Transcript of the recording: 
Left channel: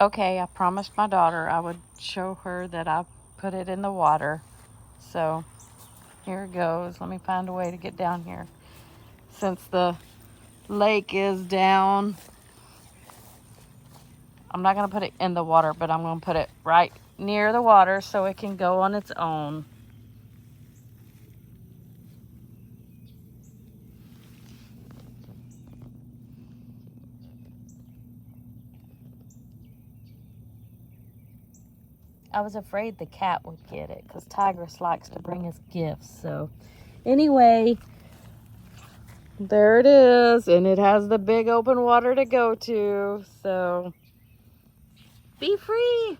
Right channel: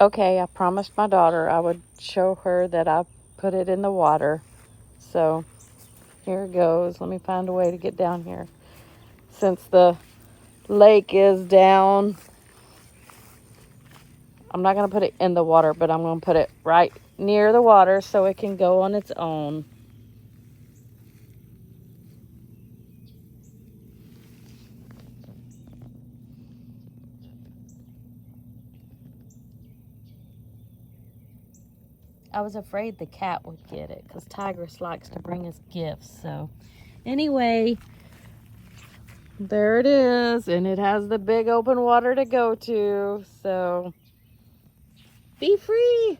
Okay, I promised my daughter I would show her that I put it in the water. So here it goes. Let me find a way to get down here. Since the lake is down, I'm not going to put it in the water, but I'm going to put it right near the water so it can go on its own. I was afraid the cat would get it because Tigress likes to bring us gifts. So anyway, there it is. And it has the big open water to go to. So be free.